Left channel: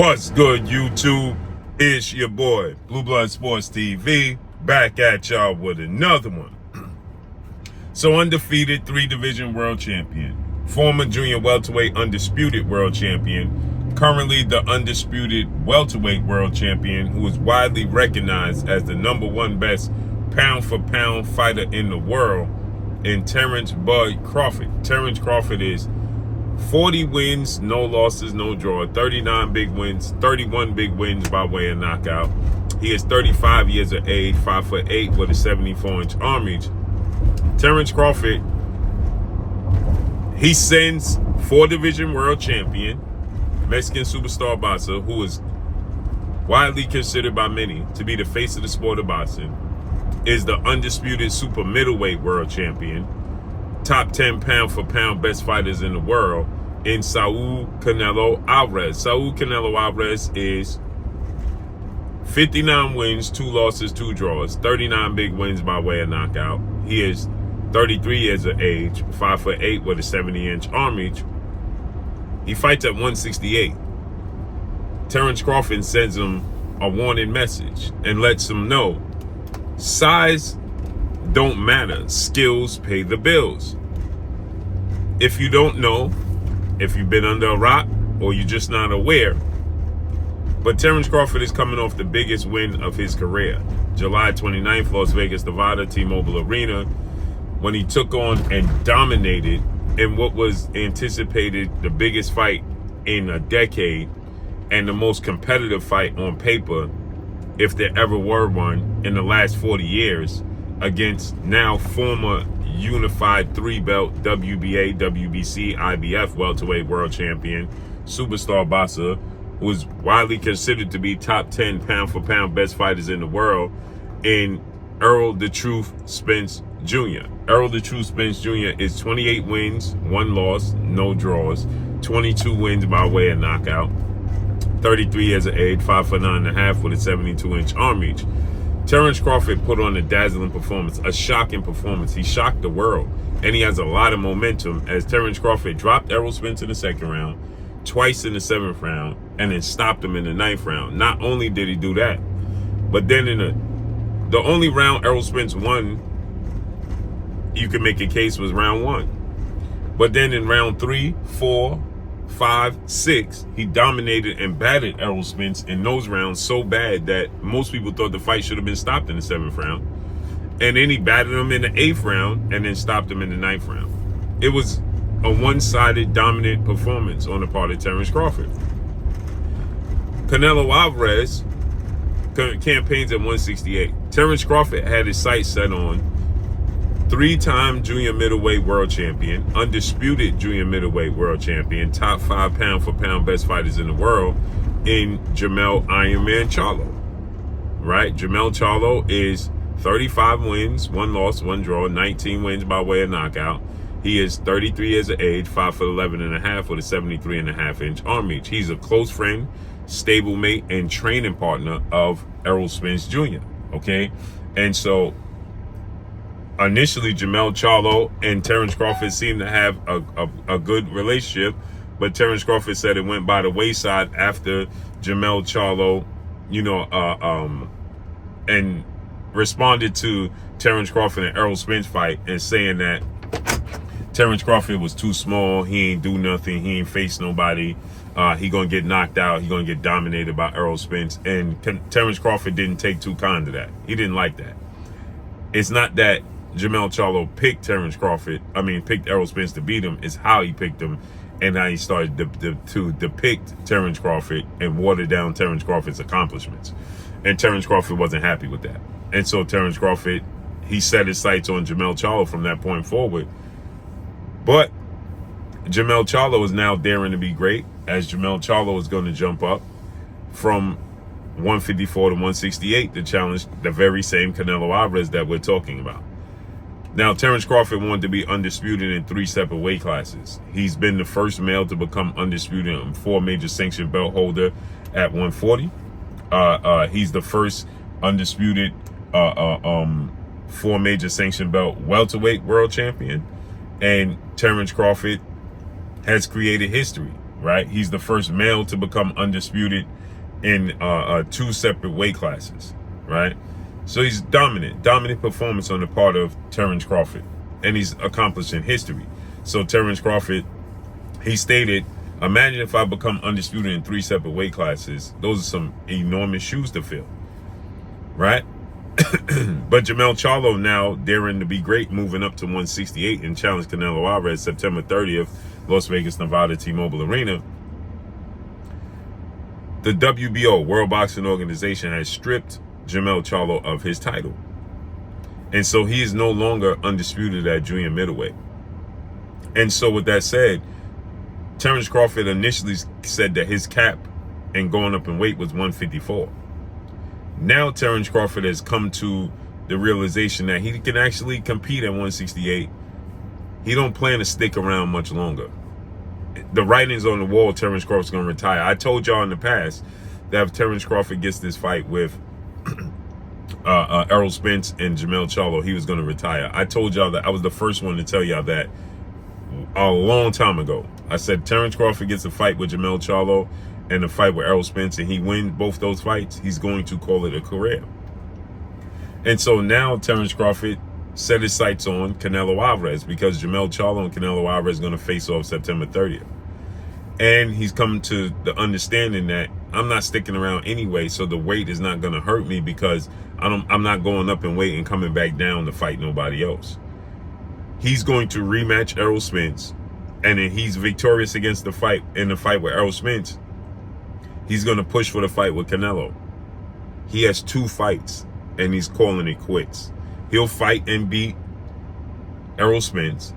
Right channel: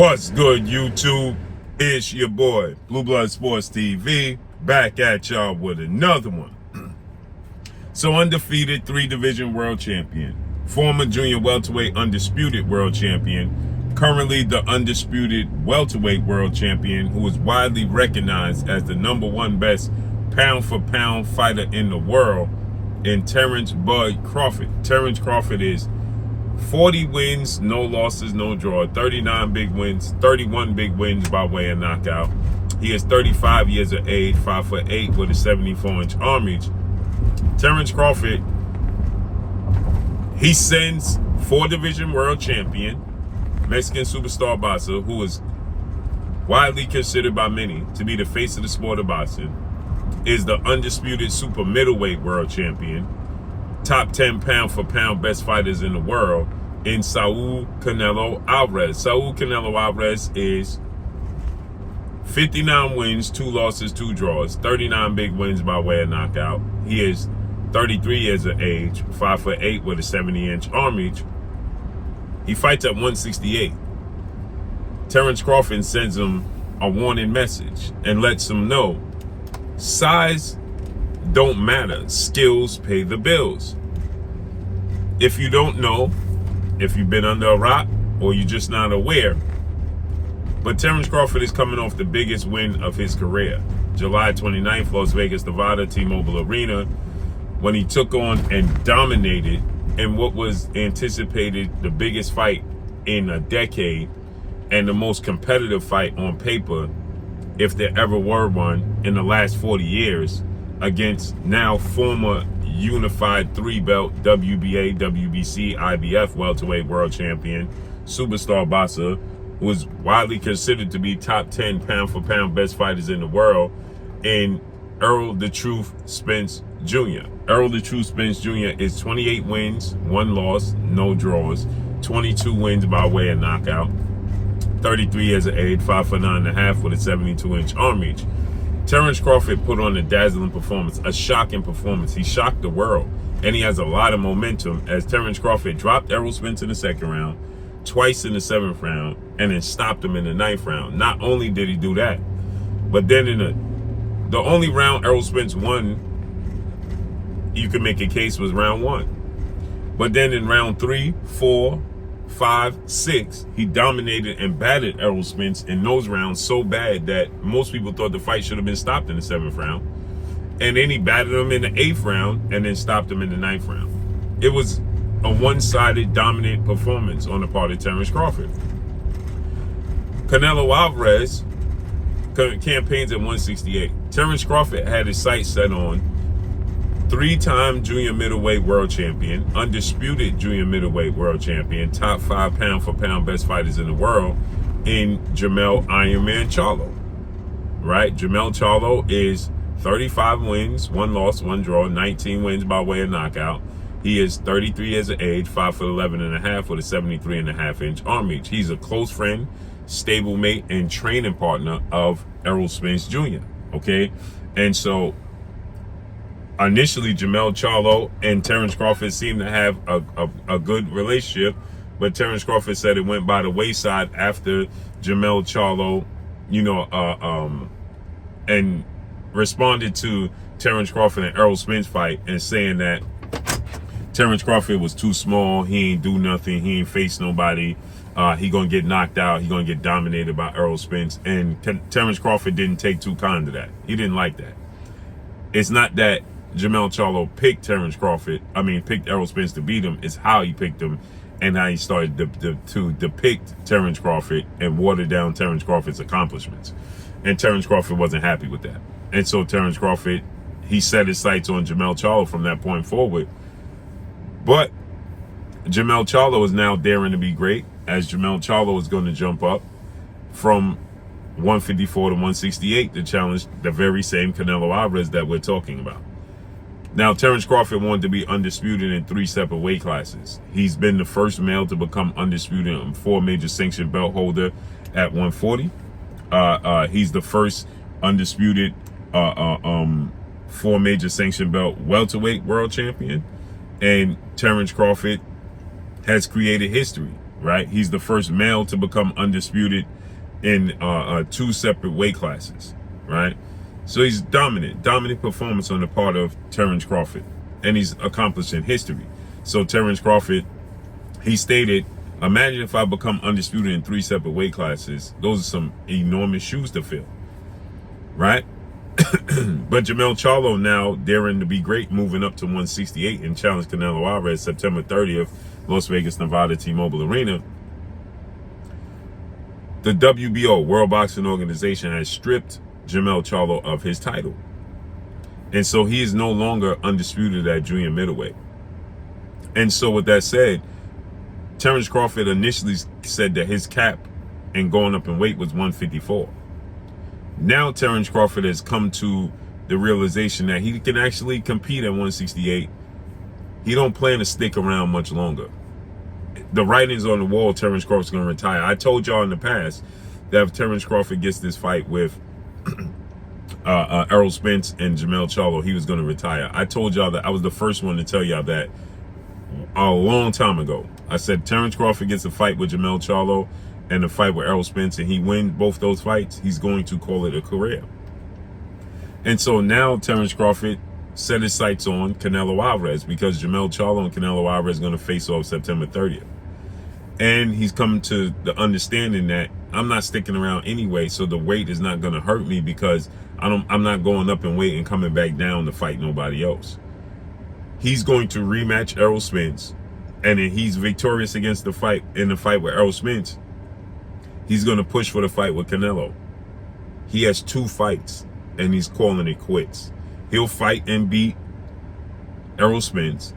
What's good, YouTube? It's your boy, Blue Blood Sports TV, back at y'all with another one. So undefeated 3-division world champion, former junior welterweight undisputed world champion, currently the undisputed welterweight world champion, who is widely recognized as the #1 best pound-for-pound fighter in the world, in Terence Bud Crawford. Terence Crawford is 40 wins, no losses, no draw, 39 big wins, 31 big wins by way of knockout. He is 35 years of age, 5'8" with a 74-inch arm reach. Terence Crawford, he sends 4-division world champion, Mexican superstar boxer, who is widely considered by many to be the face of the sport of boxing, is the undisputed super middleweight world champion, top 10 pound-for-pound best fighters in the world, in Saul Canelo Alvarez. Saul Canelo Alvarez is 59 wins, 2 losses, 2 draws, 39 big wins by way of knockout. He is 33 years of age, 5'8" with a 70-inch arm reach. He fights at 168. Terence Crawford sends him a warning message and lets him know size don't matter. Skills pay the bills. If you don't know, if you've been under a rock or you're just not aware, but Terence Crawford is coming off the biggest win of his career. July 29th, Las Vegas, Nevada, T-Mobile Arena, when he took on and dominated in what was anticipated the biggest fight in a decade and the most competitive fight on paper, if there ever were one, in the last 40 years, against now former unified 3-belt WBA, WBC, IBF welterweight world champion, superstar boxer, who is widely considered to be top 10 pound-for-pound best fighters in the world, in Errol the Truth Spence Jr. Errol the Truth Spence Jr. is 28 wins, 1 loss, no draws, 22 wins by way of knockout, 33 years of age, 5'9.5" with a 72-inch arm reach. Terence Crawford put on a dazzling performance, a shocking performance. He shocked the world, and he has a lot of momentum as Terence Crawford dropped Errol Spence in the 2nd round, twice in the 7th round, and then stopped him in the 9th round. Not only did he do that, but then in the only round Errol Spence won, you could make a case, was round 1. But then in round 3, 4, 5, 6, he dominated and battered Errol Spence in those rounds so bad that most people thought the fight should have been stopped in the 7th round. And then he battered him in the 8th round and then stopped him in the 9th round. It was a one-sided dominant performance on the part of Terence Crawford. Canelo Alvarez campaigns at 168. Terence Crawford had his sights set on 3-time junior middleweight world champion, undisputed junior middleweight world champion, top 5 pound-for-pound best fighters in the world, in Jermell Ironman Charlo. Right? Jermell Charlo is 35 wins, 1 loss, 1 draw, 19 wins by way of knockout. He is 33 years of age, 5'11.5" with a 73.5-inch arm reach. He's a close friend, stablemate, and training partner of Errol Spence Jr. Okay? And so initially, Jermell Charlo and Terence Crawford seemed to have a good relationship, but Terence Crawford said it went by the wayside after Jermell Charlo, and responded to Terence Crawford and Errol Spence fight and saying that Terence Crawford was too small, he ain't do nothing, he ain't face nobody, he gonna get knocked out, he gonna get dominated by Errol Spence. And Terence Crawford didn't take too kind to that. He didn't like that. It's not that Jermell Charlo picked picked Errol Spence to beat him. Is how he picked him and how he started to depict Terence Crawford and water down Terence Crawford's accomplishments. And Terence Crawford wasn't happy with that. And so Terence Crawford, he set his sights on Jermell Charlo from that point forward. But Jermell Charlo is now daring to be great, as Jermell Charlo is going to jump up from 154 to 168 to challenge the very same Canelo Alvarez that we're talking about. Now, Terence Crawford wanted to be undisputed in 3 separate weight classes. He's been the first male to become undisputed and 4 major sanctioned belt holder at 140. He's the first undisputed 4 major sanctioned belt welterweight world champion. And Terence Crawford has created history right? He's the first male to become undisputed in 2 separate weight classes, right? So he's dominant performance on the part of Terence Crawford, and he's accomplishing history. So Terence Crawford, he stated, imagine if I become undisputed in 3 separate weight classes. Those are some enormous shoes to fill, right? But Jermell Charlo now daring to be great, moving up to 168 and challenge Canelo Alvarez September 30th, Las Vegas, Nevada, T-Mobile Arena. The WBO, World Boxing Organization, has stripped Jermell Charlo of his title. And so he is no longer undisputed at junior middleweight. And so with that said, Terence Crawford initially said that his cap and going up in weight was 154. Now Terence Crawford has come to the realization that he can actually compete at 168. He don't plan to stick around much longer. The writing's on the wall. Terence Crawford's going to retire. I told y'all in the past that if Terence Crawford gets this fight with Errol Spence and Jermell Charlo, he was going to retire. I told y'all that. I was the first one to tell y'all that a long time ago. I said Terence Crawford gets a fight with Jermell Charlo and a fight with Errol Spence, and he wins both those fights, he's going to call it a career. And so now Terence Crawford set his sights on Canelo Alvarez, because Jermell Charlo and Canelo Alvarez are going to face off September 30th. And he's come to the understanding that I'm not sticking around anyway, so the weight is not going to hurt me, because I'm not going up in weight and coming back down to fight nobody else. He's going to rematch Errol Spence, and if he's victorious against the fight in the fight with Errol Spence, he's going to push for the fight with Canelo. He has 2 fights, and he's calling it quits. He'll fight and beat Errol Spence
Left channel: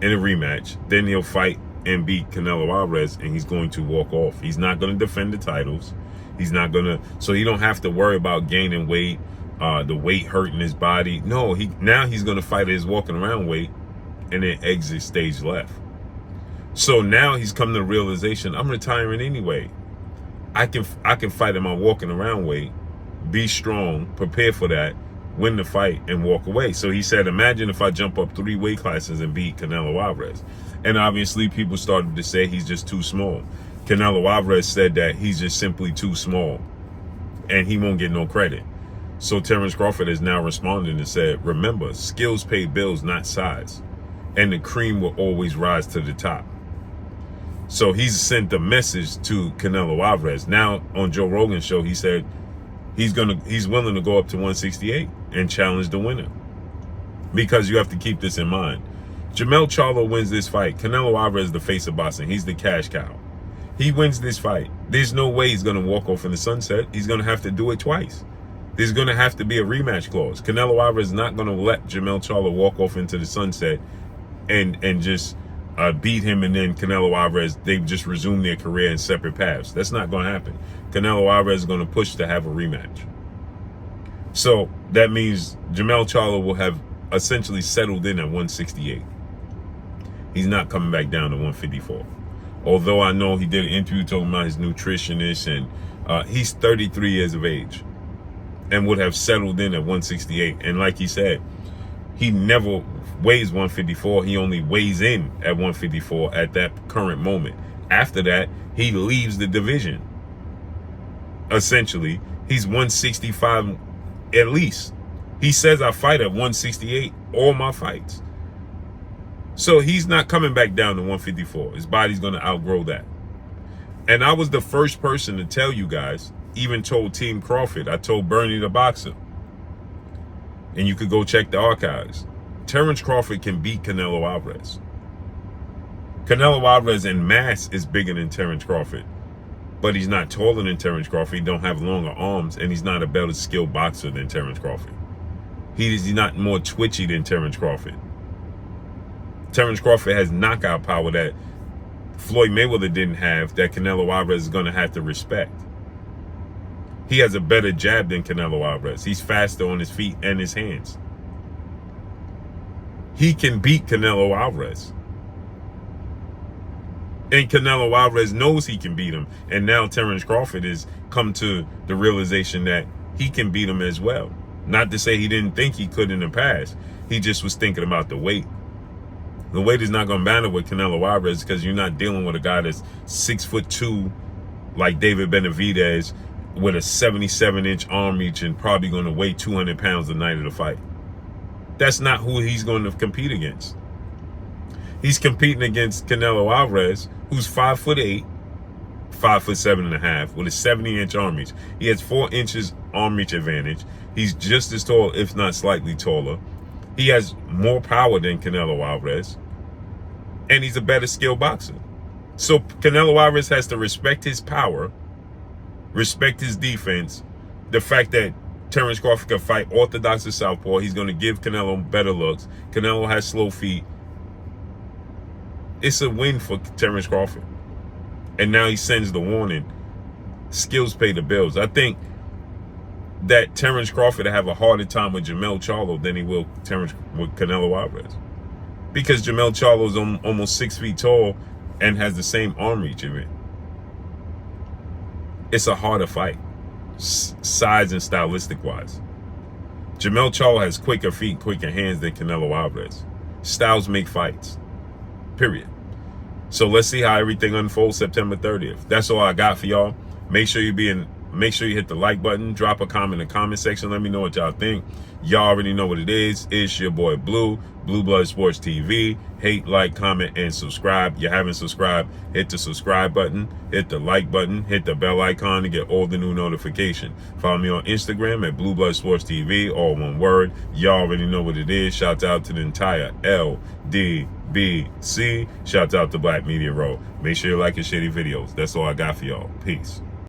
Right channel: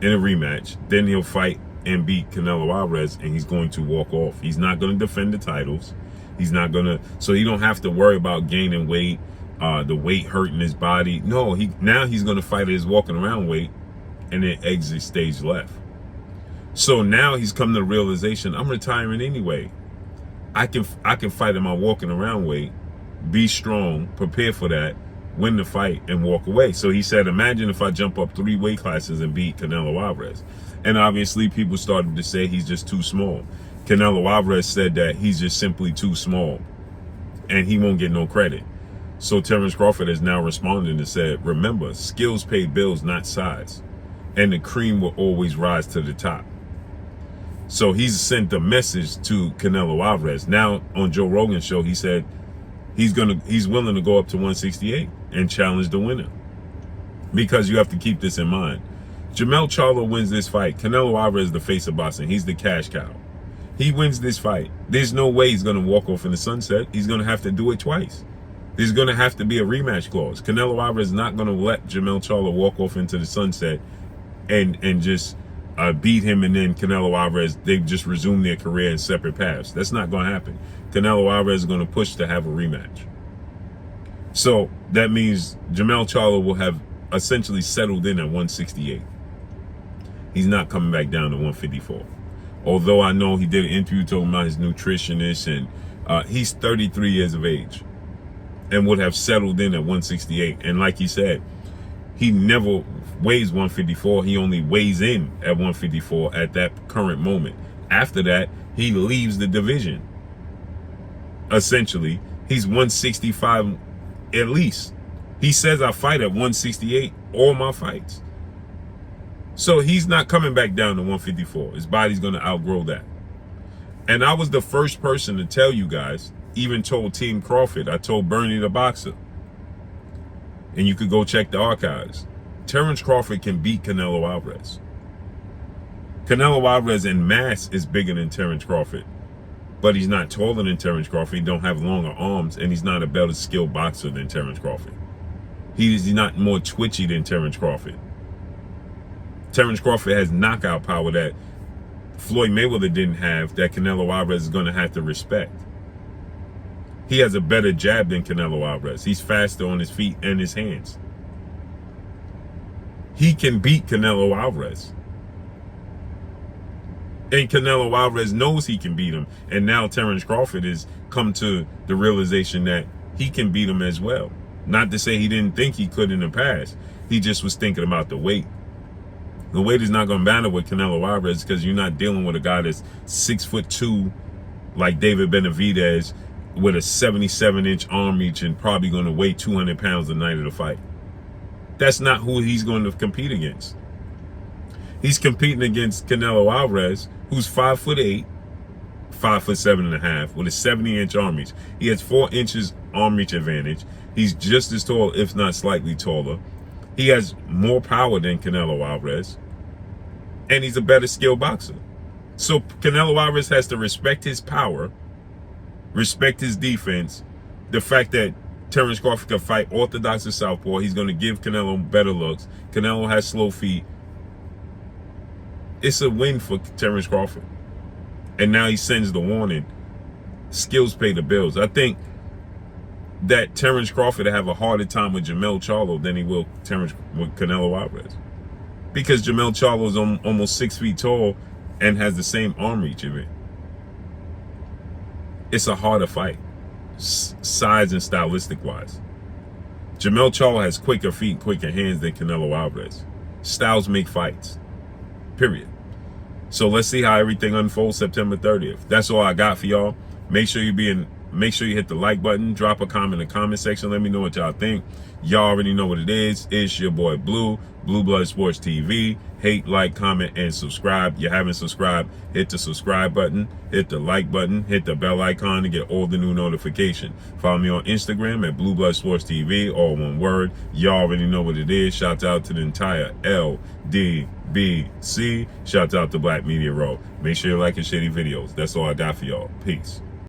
in a rematch. Then he'll fight and beat Canelo Alvarez, and he's going to walk off. He's not going to defend the titles. He's not going to, so he don't have to worry about gaining weight, the weight hurting his body. No, now he's going to fight at his walking around weight and then exit stage left. So now he's come to the realization, I'm retiring anyway. I can fight in my walking around weight, be strong, prepare for that, win the fight, and walk away. So he said, imagine if I jump up 3 weight classes and beat Canelo Alvarez. And obviously people started to say he's just too small. Canelo Alvarez said that he's just simply too small and he won't get no credit. So Terence Crawford has now responded and said, remember, skills pay bills, not size. And the cream will always rise to the top. So he's sent a message to Canelo Alvarez. Now on Joe Rogan's show, he said he's willing to go up to 168 and challenge the winner. Because you have to keep this in mind. Jermell Charlo wins this fight. Canelo Alvarez is the face of boxing. He's the cash cow. He wins this fight. There's no way he's going to walk off in the sunset. He's going to have to do it twice. There's going to have to be a rematch clause. Canelo Alvarez is not going to let Jermell Charlo walk off into the sunset and just beat him, and then Canelo Alvarez, they've just resumed their career in separate paths. That's not going to happen. Canelo Alvarez is going to push to have a rematch. So that means Jermell Charlo will have essentially settled in at 168. He's not coming back down to 154. Although I know he did an interview talking about his nutritionist, and he's 33 years of age and would have settled in at 168. And like he said, he never weighs 154. He only weighs in at 154 at that current moment. After that, he leaves the division. Essentially, he's 165 at least. He says I fight at 168 all my fights. So he's not coming back down to 154. His body's going to outgrow that. And I was the first person to tell you guys, even told Team Crawford, I told Bernie the boxer, and you could go check the archives, Terence Crawford can beat Canelo Alvarez. Canelo Alvarez in mass is bigger than Terence Crawford, but he's not taller than Terence Crawford. He don't have longer arms, and he's not a better skilled boxer than Terence Crawford. He's not more twitchy than Terence Crawford. Terence Crawford has knockout power that Floyd Mayweather didn't have, that Canelo Alvarez is going to have to respect. He has a better jab than Canelo Alvarez. He's faster on his feet and his hands. He can beat Canelo Alvarez. And Canelo Alvarez knows he can beat him. And now Terence Crawford has come to the realization that he can beat him as well. Not to say he didn't think he could in the past. He just was thinking about the weight. The weight is not going to matter with Canelo Alvarez because you're not dealing with a guy that's 6'2", like David Benavidez, with a 77-inch arm reach and probably going to weigh 200 pounds the night of the fight. That's not who he's going to compete against. He's competing against Canelo Alvarez, who's 5'8", 5'7.5", with a 70-inch arm reach. He has 4 inches arm reach advantage. He's just as tall, if not slightly taller. He has more power than Canelo Alvarez, and he's a better skilled boxer. So Canelo Alvarez has to respect his power, respect his defense, the fact that Terence Crawford can fight orthodox or southpaw. He's going to give Canelo better looks. Canelo has slow feet. It's a win for Terence Crawford. And now he sends the warning. Skills pay the bills. I think that Terence Crawford will have a harder time with Jermell Charlo than he will with Canelo Alvarez. Because Jermell Charlo is almost 6 feet tall and has the same arm reach of it. It's a harder fight, size and stylistic wise. Jermell Charlo has quicker feet and quicker hands than Canelo Alvarez. Styles make fights, period. So let's see how everything unfolds September 30th. That's all I got for y'all. Make sure you hit the like button, drop a comment in the comment section. Let me know what y'all think. Y'all already know what it is. It's your boy Blue Blood Sports TV. Hate, like, comment, and subscribe. You haven't subscribed, hit the subscribe button, hit the like button, hit the bell icon to get all the new notifications. Follow me on Instagram at Blue Blood Sports TV, all one word. Y'all already know what it is. Shout out to the entire LDBC. Shout out to Black Media Row. Make sure you like and share these videos. That's all I got for y'all. Peace.